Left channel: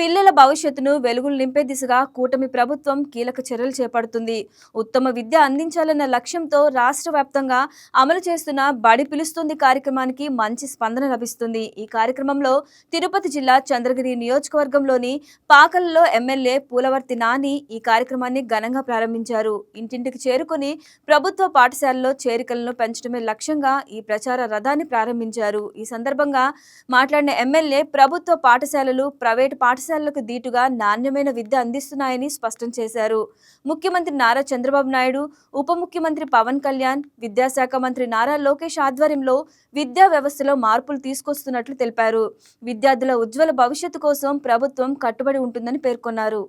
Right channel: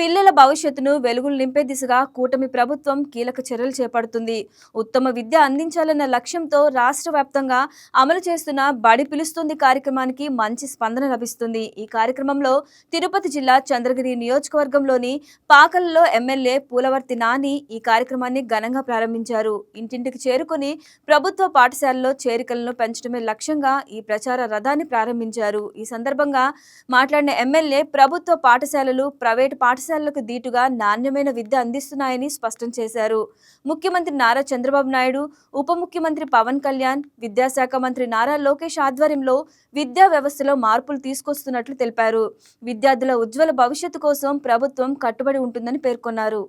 పిల్లల భవిష్యత్తును వెలుగులు నింపే దిశగా కూటమి ప్రభుత్వం కీలక చర్యలు చేపడుతుంది. ఉత్తమ విద్య అందించాలన్న లక్ష్యంతో రాష్ట్ర వ్యాప్తంగా అమలు చేస్తున్న బడి పిలుస్తుంది కార్యక్రమానికి మంచి స్పందన లభిస్తుంది. ఈ కార్యక్రమంలో తిరుపతి జిల్లా చంద్రగిరి నియోజకవర్గంలోని పాకలలో ఎమ్మెల్యే పూలవర్తి నాని ఈ కార్యక్రమాన్ని ఘనంగా ప్రారంభించారు. ఇంటింటికి చేరుకుని ప్రభుత్వ పాఠశాలలో చేరికలను పెంచడమే లక్ష్యంగా ఈ ప్రచార రథాన్ని ప్రారంభించారు. ఈ సందర్భంగా మాట్లాడిన ఎమ్మెల్యే ప్రభుత్వ పాఠశాలలు ప్రైవేటు పాఠశాలలకు దీటుగా నాణ్యమైన విద్య అందిస్తున్నాయని స్పష్టం చేశారు. ముఖ్యమంత్రి నారా చంద్రబాబు నాయుడు, ఉప ముఖ్యమంత్రి పవన్ కళ్యాణ్, విద్యాశాఖ మంత్రి నారా లోకేష్ ఆధ్వర్యంలో విద్యా వ్యవస్థలో మార్పులు తీసుకొస్తున్నట్లు తెలిపారు. విద్యార్థుల ఉజ్వల భవిష్యత్తు కోసం ప్రభుత్వం కట్టుబడి ఉంటుందని పేర్కొన్నారు.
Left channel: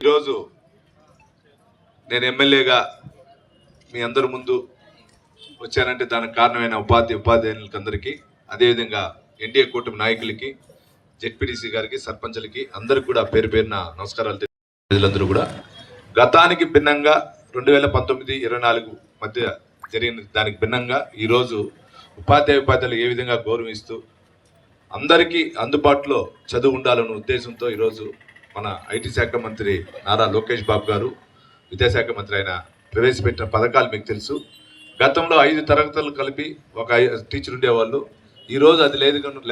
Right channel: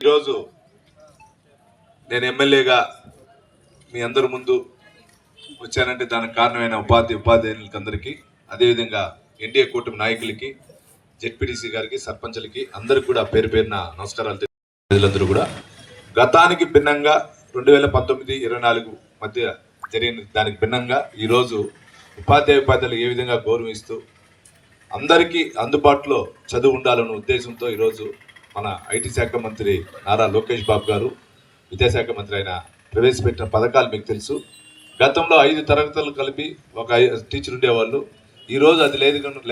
ఈరోజు నేను ఎమ్మెల్యేగా మీ అందరి ముందు వచ్చానంటే దానికి కారణమైన ఉపాధ్యాయులందరికీ, అదేవిధంగా ఎన్డీఏ కూటమి నాయకులకి, జెడ్పీటీసీ గారికి, సర్పంచులకి అందరికి కూడా పేరు పేరున నమస్కారాలు తెలియజేస్తున్నారు. కూడా గతానికి భిన్నంగా 2019-24 మధ్య జరిగిన దానికి భిన్నంగా ఈరోజు ఉపాధ్యాయులు ఏ విధంగా గౌరవిస్తూ అందరికీ అందుబాటులో చదువు ఉండాలన్న ఉద్దేశంతో ఈరోజు మన ఐటీ శాఖ మంత్రి నారా లోకేష్ బాబు గారు, విద్యాశాఖ మంత్రి అయిన ప్రవేశపెట్టిన పథకాలు మీకు తెలుసు. గతంలో 5 తరగతులు కలిపి ఒక టీచర్ ఉండేవాళ్ళు. ఈరోజు అది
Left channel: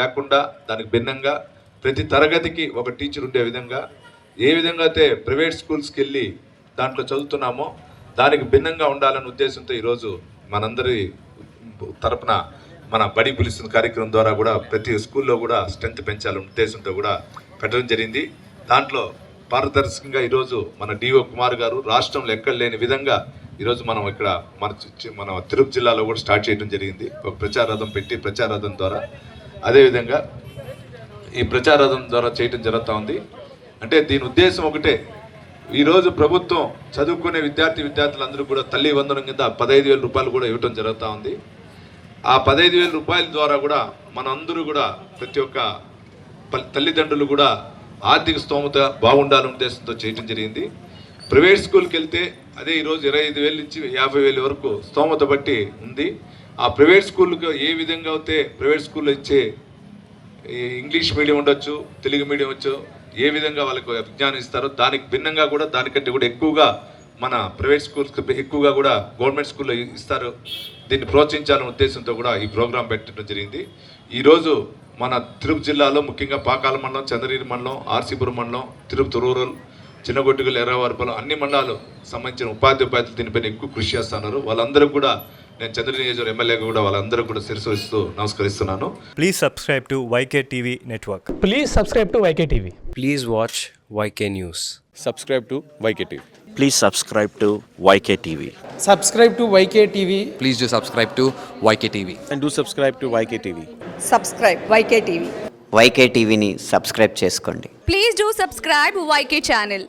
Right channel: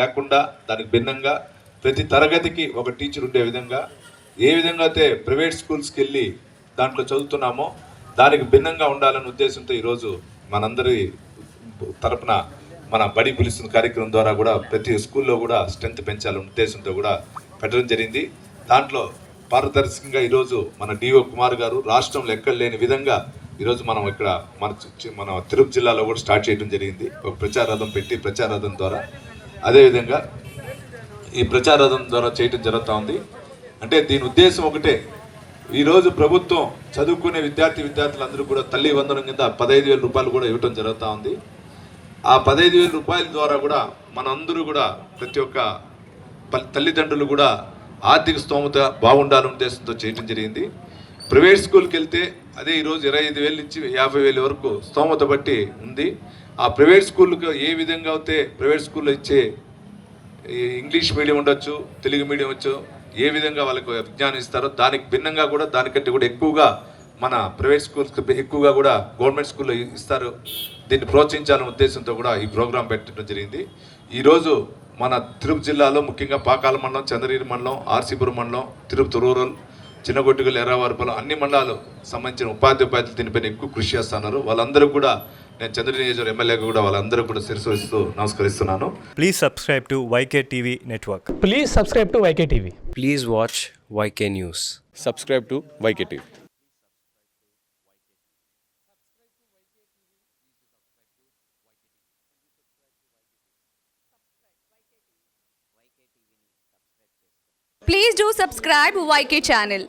లేకుండా దానికి భిన్నంగా ప్రతి తరగతికి ఒక టీచర్ ఉండే విధంగా, ఏ విధంగా అయితే ప్రైవేట్ స్కూల్స్కి వెళ్ళి దాంట్లో చదువుతున్నామో దానికి భిన్నంగా ఉండాలనే ఉద్దేశంతో ఈరోజు మనందరి తరపున మన బడి పిలుస్తున్న కార్యక్రమం ద్వారా కూడా ప్రతి స్కూల్లో కూడా స్ట్రెంత్ పెంచాలనే ఉద్దేశంతో కూడా పెట్టడం జరిగింది. దాంట్లో పారదర్శకంగా ఈరోజు మన డిఓ కుమార్ గారు రాష్ట్రంలో ఎక్కడ లేని విధంగా ఈరోజు మనం ఇక్కడ మన తిరుపతి జిల్లాలో కూడా స్టార్ట్ చేయడం జరిగింది. ఒక ప్రచార రథం పెట్టి ప్రచార రథం ద్వారా అదేవిధంగా ఈ ప్రచార రథం ద్వారా చేయడం జరుగుతూ ఉంది. అంటే దీని ఉద్దేశం ఒకటే, ఈరోజు ప్రభుత్వం చదువుకునే విద్యార్థులందరూ కూడా తల్లి వందనం కింద 15,000 రూపాయలు కూడా ఇవ్వడం జరుగుతూ ఉంది. ఆ 15,000 రూపాయల ద్వారా కూడా మనందరూ కూడా ప్రతి ఒక్క తల్లిదండ్రులు కూడా ఆర్థిక స్తోమత బాగుండాలనే ఉద్దేశంతో చేయడం జరిగింది. ప్రైవేట్ స్కూల్కి వెళ్తే అదే ఈరోజు 25,000 నుంచి 50,000 వరకు స్తోమత బట్టి ఉంది. ఆ ప్రైవేట్ స్కూల్కి ఏ విధంగా అయితే ప్రైవేట్ స్కూల్లో ఇచ్చే ఇంగ్లీష్ మీడియం ఉండొచ్చు, తెలుగు మీడియం వచ్చు, ఏ విధంగా వాళ్ళకు విజ్ఞానం ఇస్తారో దానికి భిన్నంగా కూడా దానికంటే కూడా ఎక్కువగా మన ప్రైవేట్ స్కూల్స్కి ఎక్కువగా కూడా గవర్నమెంట్ స్కూల్లో ఇస్తారు. దీన్ని ప్రోత్సహించాలనే ఉద్దేశంతో కూడా ఈ ప్రోగ్రాం పెట్టడం జరిగింది. ఈరోజు మన తిరుపతి జిల్లాలో ముఖ్యంగా పాకాల మండలం, చంద్రగిరి మండలం, ఆర్సీపురం మండలం, తిరుపతి రూరల్, చిన్నగొట్టుగల్, ఎర్రవారిపల్లి అన్ని మండలాలు సంబంధించిన ఉపాధ్యాయులు దీనిపైన ఎక్కువ కృషి చేస్తున్నారు. వాళ్ళందరూ కూడా నేను చంద్రగిరి నియోజకవర్గ ఎమ్మెల్యేగా కూడా వాళ్ళందరూ కూడా శిరస్సు వహిస్తూ నమస్కరిస్తున్నాను. Please subscribe to YK TV network. Please subscribe to YK TV. Please watch YK News. Subscribe to YK TV. Please subscribe to YK TV. Subscribe to YK TV. Please do subscribe to YK TV. And do subscribe to YK TV. Subscribe YK TV. YK టీవీని subscribe చేసుకోండి. Please do subscribe YK channel.